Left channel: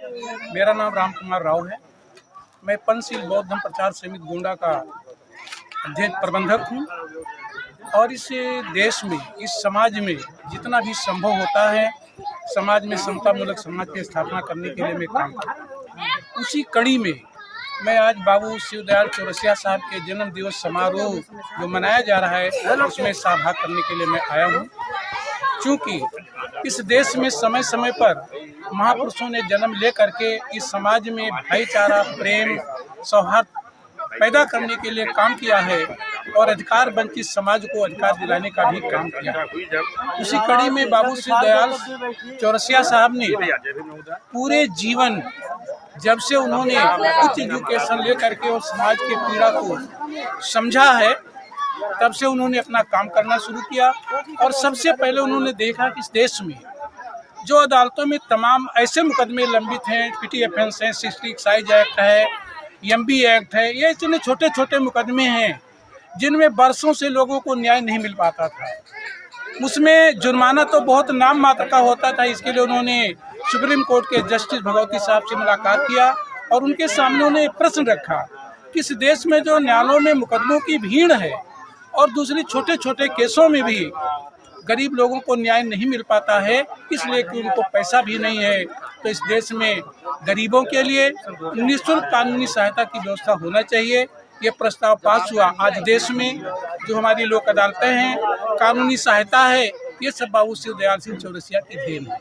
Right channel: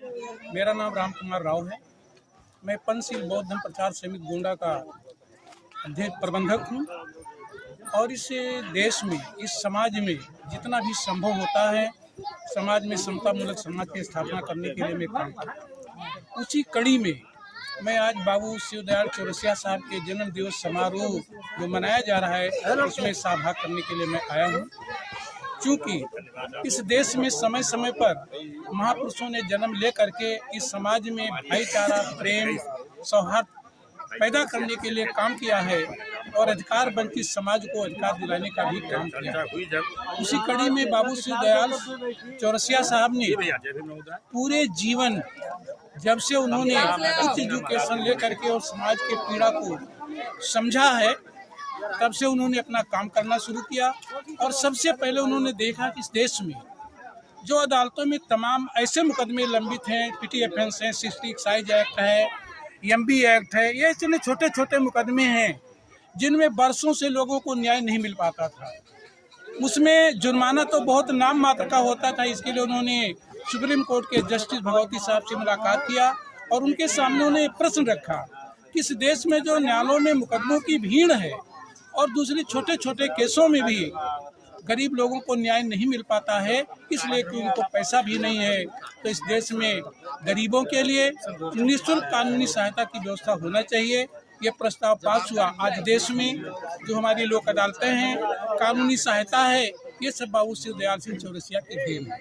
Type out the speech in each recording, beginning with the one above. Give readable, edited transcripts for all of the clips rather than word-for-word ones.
मेरा नाम राम कुमार राव है। मैं पंचशील बौद्ध धर्म प्रचार समिति गोंडा का अध्यक्ष प्रबंधक हूँ और इस देश में, इस समाज में जितना भी संभव होता है, समाज में समतामूलक समाज की स्थापना करने के लिए मैं काम करता हूँ। उसी कड़ी में मैं आज बाबू शिवदयाल चौरसिया साहब के जन्म दिवस समारोह जो मनाया जा रहा है उसमें सहभाग करने के लिए मैं आया हूँ। क्योंकि इस देश में समय समय पर महापुरुषों ने जन्म ले करके इस समाज में भाईचारा, प्रेम, सौहार्द पैदा करने के लिए काम किया है और अधिकार वंचित समाज को अधिकार दिलाने का भी काम किया है। उसी कड़ी में बाबू शिवदयाल चौरसिया साहब ने पूरे जीवन, जब से उन्होंने उच्च एजुकेशन लेकर के और समाज के पीड़ा को समझा है, तब से उन्होंने अपना काम करना शुरू किया। और सबसे पहले उन्होंने देखा कि इस देश में जो अदालतों में तमाम ऐसे मुकदमे लंबित हैं, पिटी ऑफेंस है, 60 एक्साइज एक्ट है, एमबी एक्ट है, ये इतने छोटे छोटे मुकदमे हैं जिनमें वर्षों से लोगों को न्याय नहीं मिल पाता था। उसमें जुर्माना तो बहुत नाम मात्र का होता था। इसके लिए उन्होंने सुप्रीम कोर्ट के जस्टिस भगवती साहब से मुलाकात किया और उनके सामने उन्हें प्रश्न रखा कि इस देश में जो न्यायालयों में मुकदमों की भीड़ है और दूसरे छोटे छोटे केसों में भी गरीब लोगों को न्याय नहीं मिल पाता है, इसलिए कि उनको पैसा भी नहीं है। तो इस देश में गरीबों के लिए निःशुल्क कानूनी सहायता की व्यवस्था होना चाहिए। ये प्रस्ताव पास हुआ। आज देश में जो हमारी लोक अदालतें हैं, कानूनी सहायता है, ये सब बाबू शिवदयाल सिंह चौरसिया की देन है।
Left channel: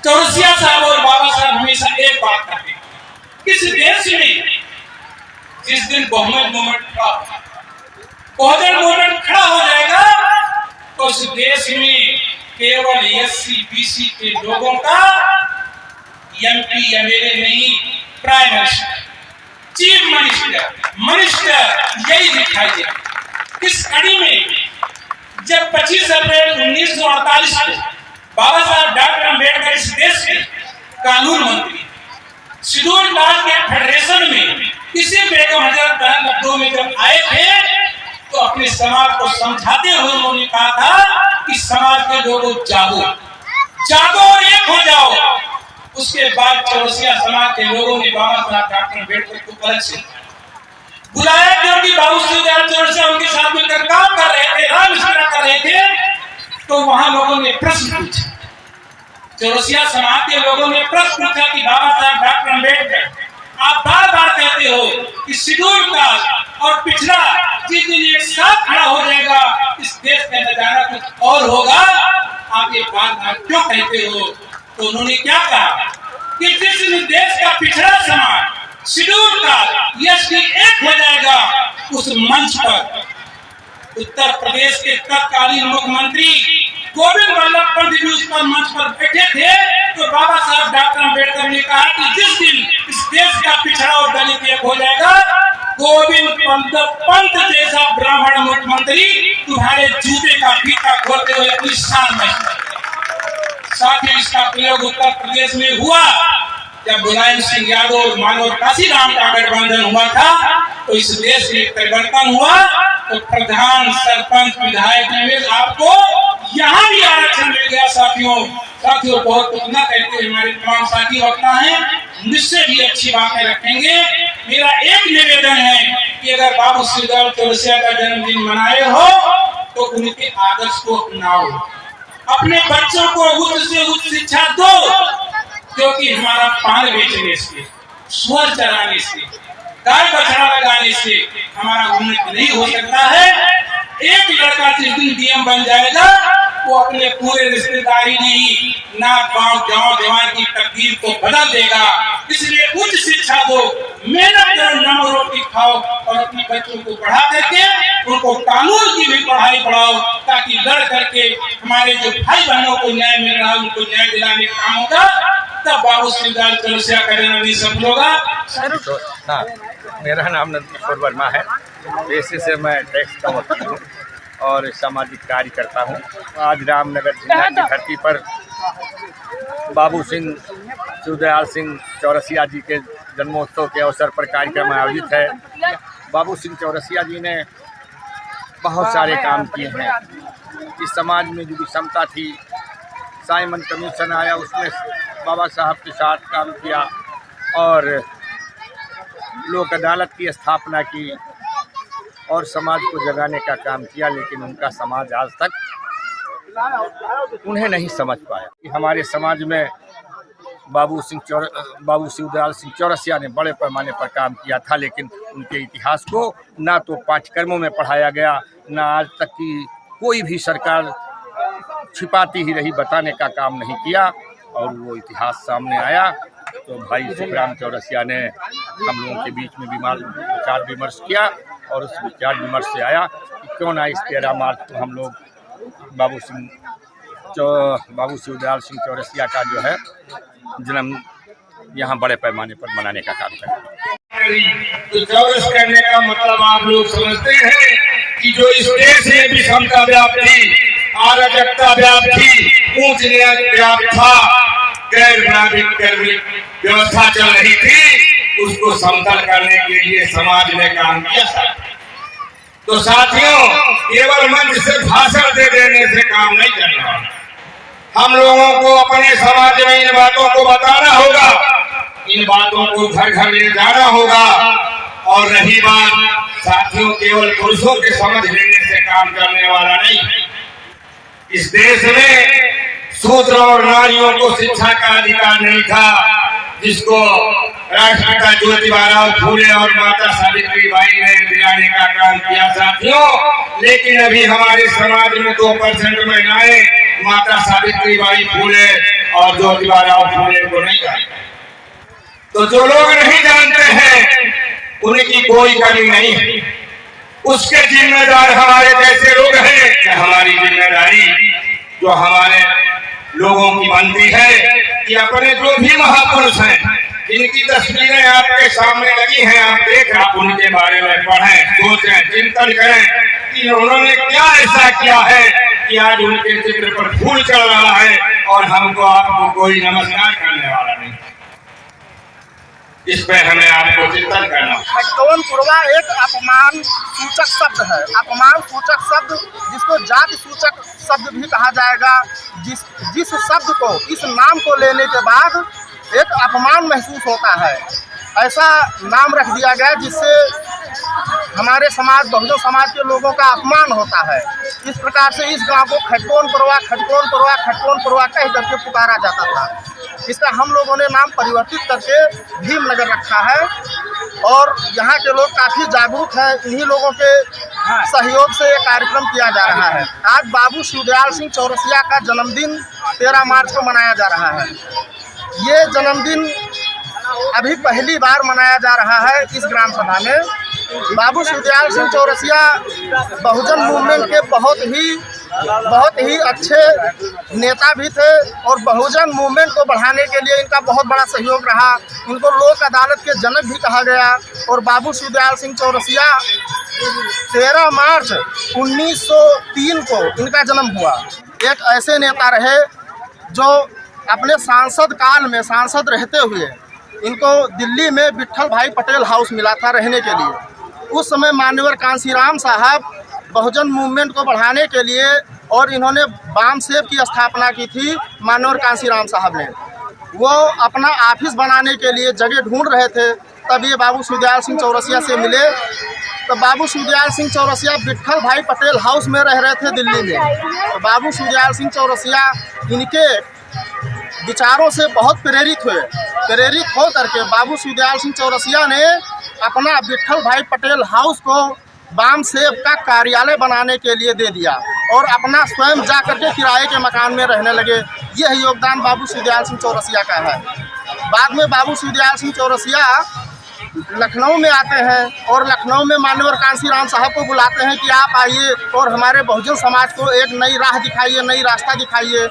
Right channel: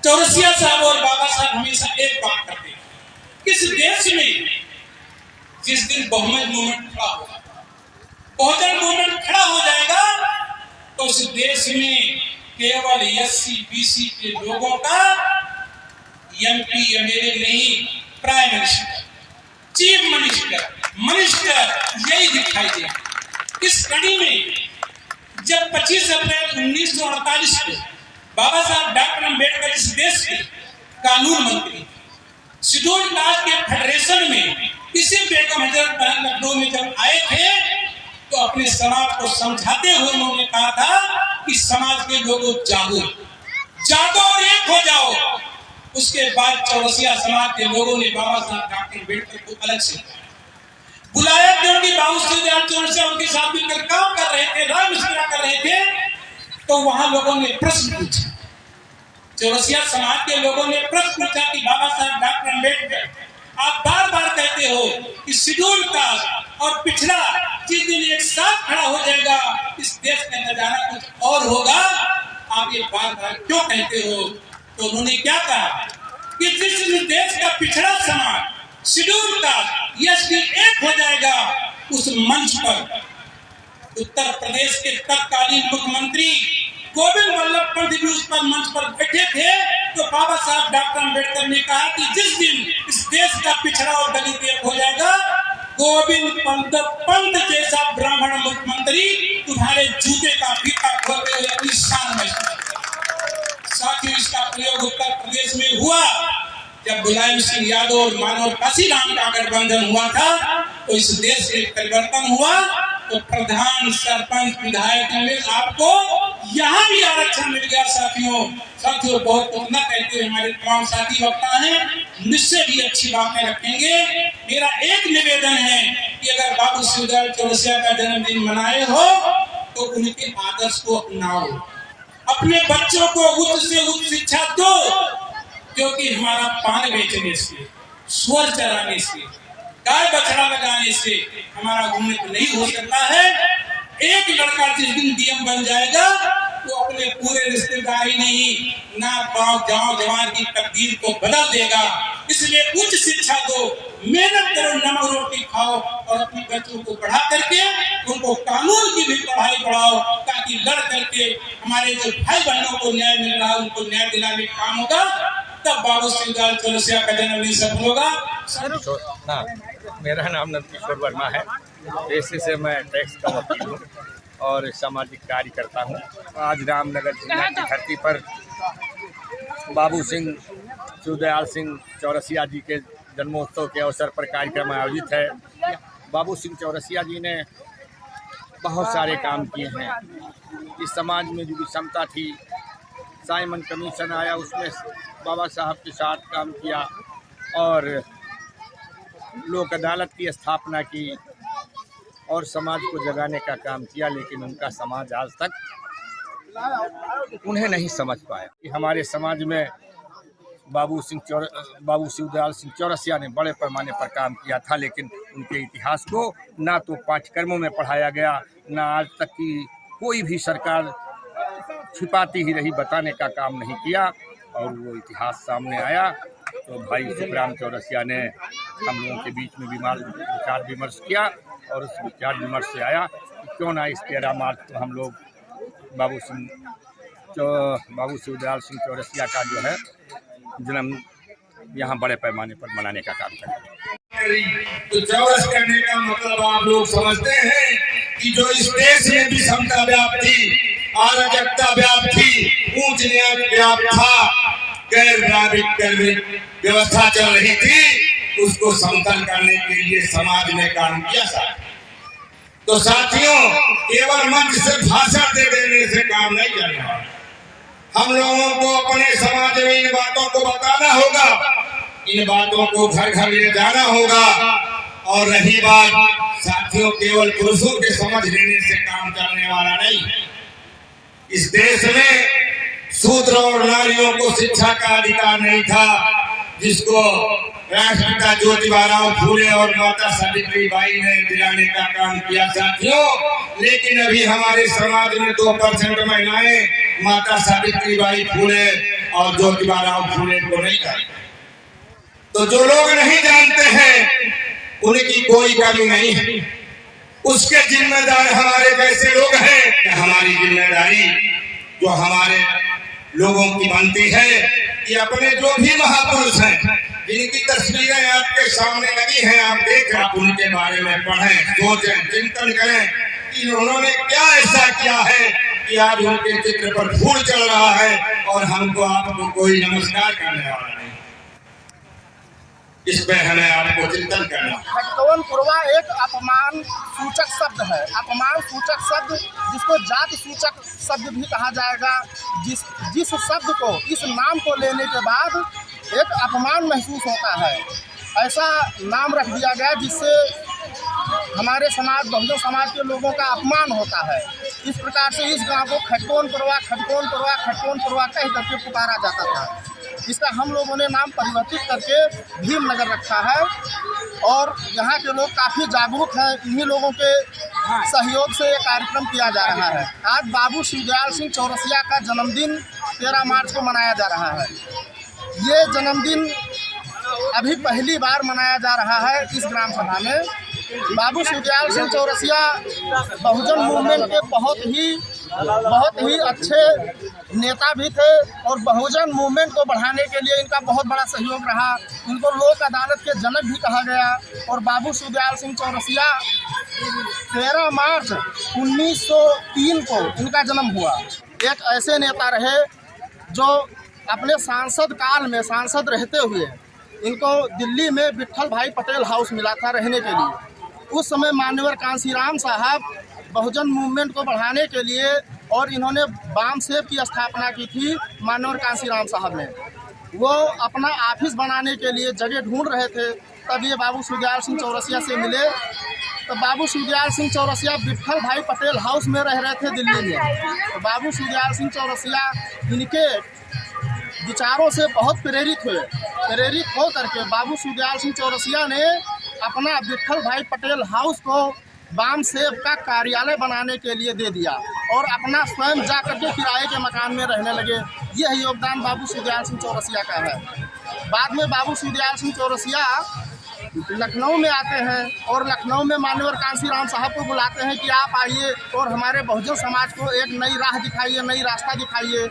चौरसिया साहब और बाबा साहब हमेशा एक बात करते हैं, किस देश में जिस दिन बहुजन मूवमेंट खड़ा हो जाएगा तो उस देश में केवल एससी बीसी के लोगों का एमपी एमएलए नहीं, प्राइम मिनिस्टर, चीफ मिनिस्टर यही दिखाई दे। इस कड़ी में जब 25 अप्रैल 1948 को बाबा साहब डॉक्टर अम्बेडकर इस देश के कानून मंत्री शेड्यूल कास्ट के फेडरेशन में इसी बेगम हजरत बहन लखनऊ में जब आए थे तो अपने समाज को समझाते हुए उन्होंने कहा था कि समाज के लोगों जागो और एक हो जाओ। उसके बाद चौरसिया समाज के लोगों ने बाबा साहब डॉक्टर अम्बेडकर को अलग से बुलाया, क्योंकि बाबू शिवदयाल चौरसिया उनके साथ मिलकर काम कर रहे थे, राम विचार कर रहे थे। तो वहां लोगों ने प्रश्न पूछा, चौरसिया समाज के लोगों ने प्रश्न पूछा कि बाबा साहब डॉक्टर अम्बेडकर, आप बार बार कहते हो कि शेड्यूल कास्ट और पिछड़ा जिस दिन एक साथ खड़ा हो जाएगा इस देश का नजारा कुछ और होगा, आप ये बार बार क्यों कहते हो? तो उन्होंने क्या कहा कि जिस दिन देश का पिछड़ा समाज शेड्यूल कास्ट एसटी एक हो जाएगा, उस मंच पर उत्तर प्रदेश के तत्कालीन मुख्यमंत्री गोविंद वल्लभ पंत जी उस पर मंच पर बैठे थे। तो बाबा साहब डॉक्टर अम्बेडकर ने कहा कि जिस दिन इस देश का पिछड़ा और दलित एक हो जाएगा, गोविंद पंत जैसा ब्राह्मण मुख्यमंत्री तुम्हारे जूते का फीता खोलते हुए अपनी शान में। साथियों, इसका प्रयोग उत्तर प्रदेश में हुआ जब मुलायम सिंह यादव और मानव काशीराम का गठबंधन हुआ था। तो इस देश में परिवर्तन हुआ तो प्रधान, सरपंच, विधायक में आपको यहाँ भी आरक्षण मिल गया। साथियों बहुत कुछ न कहते हैं, हमारे तमाम साथी वक्ता हैं, मुझसे भी अच्छी बातें रखेंगे। मेरा एक निवेदन है कि अगर बाबू शिवदयाल चौरसिया का जन्मदिन मनाए हो तो उनके आदर्श को अपनाओ, अपने बच्चों को उच्च से उच्च शिक्षा दो, क्योंकि हमारा पान बेचने से, स्वर चराने से, गाय बछड़ा लगाने से हमारा उन्नति नहीं हो सकता है। एक लड़का जिस दिन डीएम बन जाएगा वो अपने पूरे रिश्तेदारी नहीं, नाक गांव जवान की तकदीर को बदल देगा। इसलिए उच्च शिक्षा दो, मेहनत करो, नमक रोटी खाओ और अपने बच्चों को पढ़ा करके उनको कानून की भी पढ़ाई पढ़ाओ, ताकि लड़ करके हमारे जो भाई बहनों को न्याय मिल रहा है उनको न्याय दिलाने का काम होगा। तब बाबू शिवदयाल चौरसिया का जन्मदिन सफल होगा। हाँ, मेरा नाम नंदकिशोर वर्मा है। पेशे से मैं टैक्स का वकील हूँ और सामाजिक कार्य करता हूँ। आज रामनगर जिला की धरती पर बाबू सिंह शिवदयाल सिंह चौरसिया जी के जन्मोत्सव के अवसर पर कार्यक्रम आयोजित है। बाबू सिंह चौरसिया जी ने बहुत सारे काम किए हैं। इस समाज में जो विषमता थी, साइमन कमीशन आया, उसमें बाबा साहब के साथ काम किया। और लोक अदालत की स्थापना की और समाज को जगाने का काम किया, लेकिन उनका समाज आज तक उन्हें नहीं समझ पाया कि हमारे समाज में बाबू शिवदयाल सिंह चौरसिया ने बड़े पैमाने पर काम किया था, लेकिन उनके इतिहास को ना तो पाठ्यक्रमों में पढ़ाया गया, ना आज तक की कोई भी सरकार छिपाती ही रही, बताने का काम नहीं किया। और वो इतिहास सामने आया तो भाई सुखराम चौरसिया ने हम लोगों के बीच में विचार विमर्श किया और उस विचार विमर्श से आया कि क्यों ना इस 13 मार्च को हम लोग बाबू शिवदयाल सिंह चौरसिया का जो है जन्म यहाँ बड़े पैमाने पर मनाने का काम करें। तो चौरस करने का मतलब आप लोग समझते हैं कि जो इस देश में विषमता व्याप्त थी, अराजकता व्याप्त थी, ऊंच नीच व्याप्त था, गैर नागरिक व्यवस्था चल रही थी, उसको समतल करने के लिए समाज में काम किया था। तो साथियों, केवल मंच से भाषण दे देने से काम नहीं चलने वाला। हम लोगों को अपने समाज में इन बातों को बताना होगा, इन बातों को घर घर ले जाना होगा। और रही बात साथियों, केवल पुरुषों के समझ लेने से काम करने वाला नहीं है। इस देश में शूद्र और नारियों को शिक्षा का अधिकार नहीं था, जिसको राष्ट्रपिता ज्योतिबा फूले और माता सावित्रीबाई ने दिलाने का काम किया साथियों। लेकिन अभी हमारे समाज में 2% महिलाएं माता सावित्रीबाई फूले और ज्योतिबा फूले को नहीं जानते। तो जो लोग नहीं जानते हैं उनकी कोई कमी नहीं है, उसके जिम्मेदार हमारे जैसे लोग हैं। क्या हमारी जिम्मेदारी जो हमारे लोगों की बनती है कि अपने जो भी महापुरुष हैं, जिनकी तस्वीरें आपके सामने लगी हैं, आप देख, आप उनके बारे में पढ़ें, सोचें, चिंतन करें कि उन्होंने क्या ऐसा किया है कि आज उनके चित्र पर फूल चढ़ रहा है और हमको आपको कोई नमस्कार करने वाला नहीं। इस पर हमें आपको चिंतन करना। खटकवन पुरवा एक अपमान सूचक शब्द है, अपमान सूचक शब्द, जिसको जाति सूचक शब्द भी कहा जाएगा। जिस शब्द को, इस नाम को लेने के बाद एक अपमान महसूस होता है, ऐसा नाम रख दिया गया जिससे हमारे समाज, बहुजन समाज के लोगों का अपमान होता है। इस प्रकार से इस गांव को खटकवन पुरवा, खटकवन पुरवा, खटकवन पुरवा कह करके पुकारा जाता था। इसका हम लोगों ने नाम परिवर्तित करके भीमनगर रखा है और यहाँ के लोग काफ़ी जागरूक हैं। इन्हीं लोगों के सहयोग से ये कार्यक्रम किया जा रहा है। आज बाबू शिवदयाल सिंह चौरसिया का जन्मदिन 13 मार्च को मनाया जा रहा है। ये जन्मदिन अभी पहली बार मनाया जा रहा है इस ग्राम सभा में। बाबू शिवदयाल सिंह चौरसिया बहुजन मूवमेंट के बहुत ही अच्छे नेता भी थे और बहुजन मूवमेंट को बढ़ाने के लिए इनका बहुत बड़ा सहयोग रहा। इनको लोक अदालत के जनक भी कहा गया। और बाबू शिवदयाल सिंह चौरसिया 13 मार्च 1903 को इनका जन्म हुआ। एक ऐसे नेता रहे जो अपने सांसद काल में, सांसद रहते हुए, इनको दिल्ली में विट्ठल भाई पटेल हाउस मिला था रहने के लिए। उस समय मान्यवर कांसीराम साहब बहुजन मूवमेंट को बढ़ाने के लिए, और इन्होंने बामसेव की स्थापना की थी मान्यवर कांसीराम साहब ने। वो अपना ऑफिस बनाने के लिए जगह ढूंढ रहे थे, तब ये बाबू शिवदयाल सिंह चौरसिया से मिले। तो बाबू शिवदयाल सिंह चौरसिया विट्ठल भाई पटेल हाउस में रह रहे थे दिल्ली में। तो बाबू शिवदयाल सिंह चौरसिया इनके विचारों से बहुत प्रेरित हो करके बाबू शिवदयाल सिंह चौरसिया ने अपना विट्ठल भाई पटेल हाउस को बामसेव का कार्यालय बनाने के लिए दे दिया और अपना स्वयं जा करके किराए के मकान में रहने लगे। यह योगदान बाबू शिवदयाल सिंह चौरसिया का है। बाद में बाबू शिवदयाल सिंह चौरसिया लखनऊ में आते हैं और लखनऊ में मान्यवर कांसीराम साहब को बुलाते हैं कि आप आइए और हमारे बहुजन समाज को एक नई राह दिखाइए, नई रास्ता दिखाइए।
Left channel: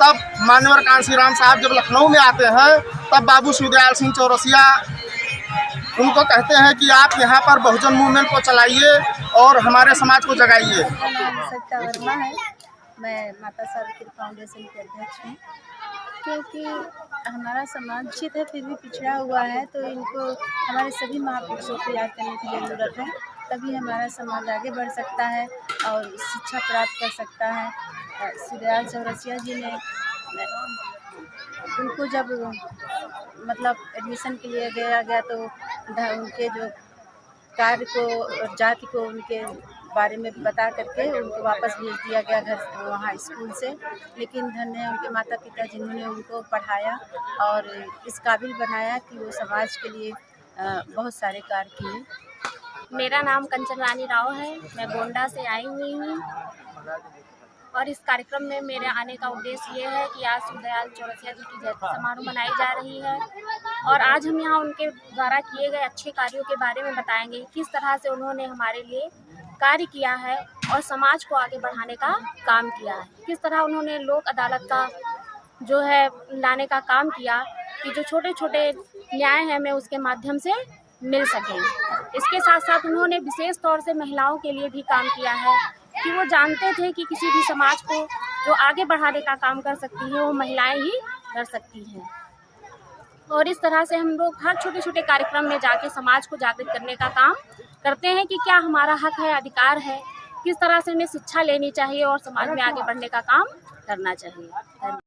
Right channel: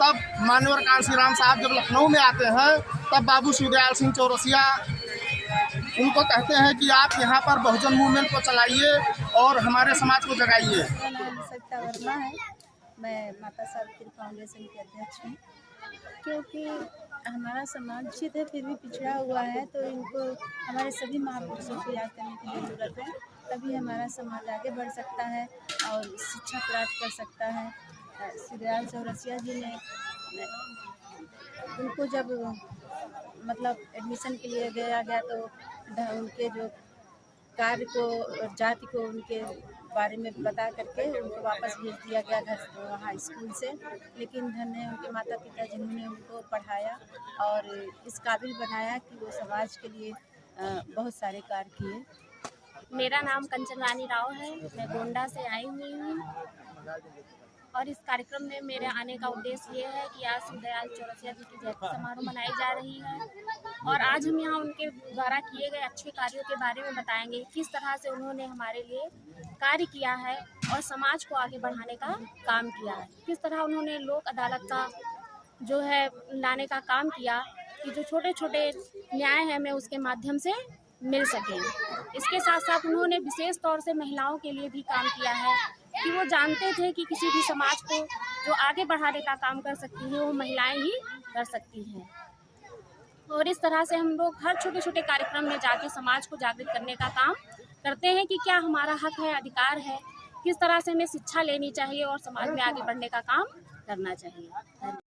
तब मान्यवर कांसीराम साहब जब लखनऊ में आते हैं, तब बाबू शिवदयाल सिंह चौरसिया उनको कहते हैं कि आप यहाँ पर बहुजन मूवमेंट को चलाइए और हमारे समाज को जगाइए। सत्ता वर्मा है, मैं माता सावित्री फाउंडेशन के अध्यक्ष हूँ। क्योंकि हमारा समाज क्षेत्र है फिर भी पिछड़ा हुआ है, तो इनको हमारे सभी महापुरुषों को याद करने की ज़रूरत है, तभी हमारा समाज आगे बढ़ सकता है और शिक्षा प्राप्त कर सकता है। शिवदयाल चौरसिया जी ने उनको जब मतलब एडमिशन के लिए दिया गया तो उनके जो कार्य को जाति को उनके बारे में बता करके उनको वापस भेज दिया गया घर वहाँ स्कूल से। लेकिन धन्य है उनके माता पिता जिन्होंने उनको पढ़ाया और इस काबिल बनाया कि वो समाज के लिए बहुत सारे कार्य किए। मेरा नाम कंचन रानी राव है, मैं गोंडा से आई हुई हूँ और इस कार्यक्रम में मेरे आने का उद्देश्य ये है कि आज दीनदयाल चौरसिया जी की जयंती समारोह मनाई जा रही है और आज हम यहाँ उनके द्वारा किए गए अच्छे कार्यों के बारे में बताएंगे, किस तरह से उन्होंने हमारे लिए कार्य किया है और समाज को आगे बढ़ाने का काम किया है, किस तरह उन्होंने लोक अदालत का जो है लाने का काम किया कि जो छोटे छोटे न्याय है हमें उसके माध्यम से मिल सके। इसके साथ साथ उन्होंने विशेष तौर से महिलाओं के लिए भी काम किया है कि वो जानते थे कि किसी भी समाज को जो आगे बढ़ाने का काम कर सकती है वो महिलाएं ही कर सकती हैं। और इस तरह से हम लोग हर छोटे छोटे कार्यक्रम में जाके समाज को जागृत करने का काम करते हैं कि क्या हमारा हक है, अधिकार है, किस तरह से हमें शिक्षा लेनी चाहिए और समाज में आगे बढ़ने का काम करना चाहिए।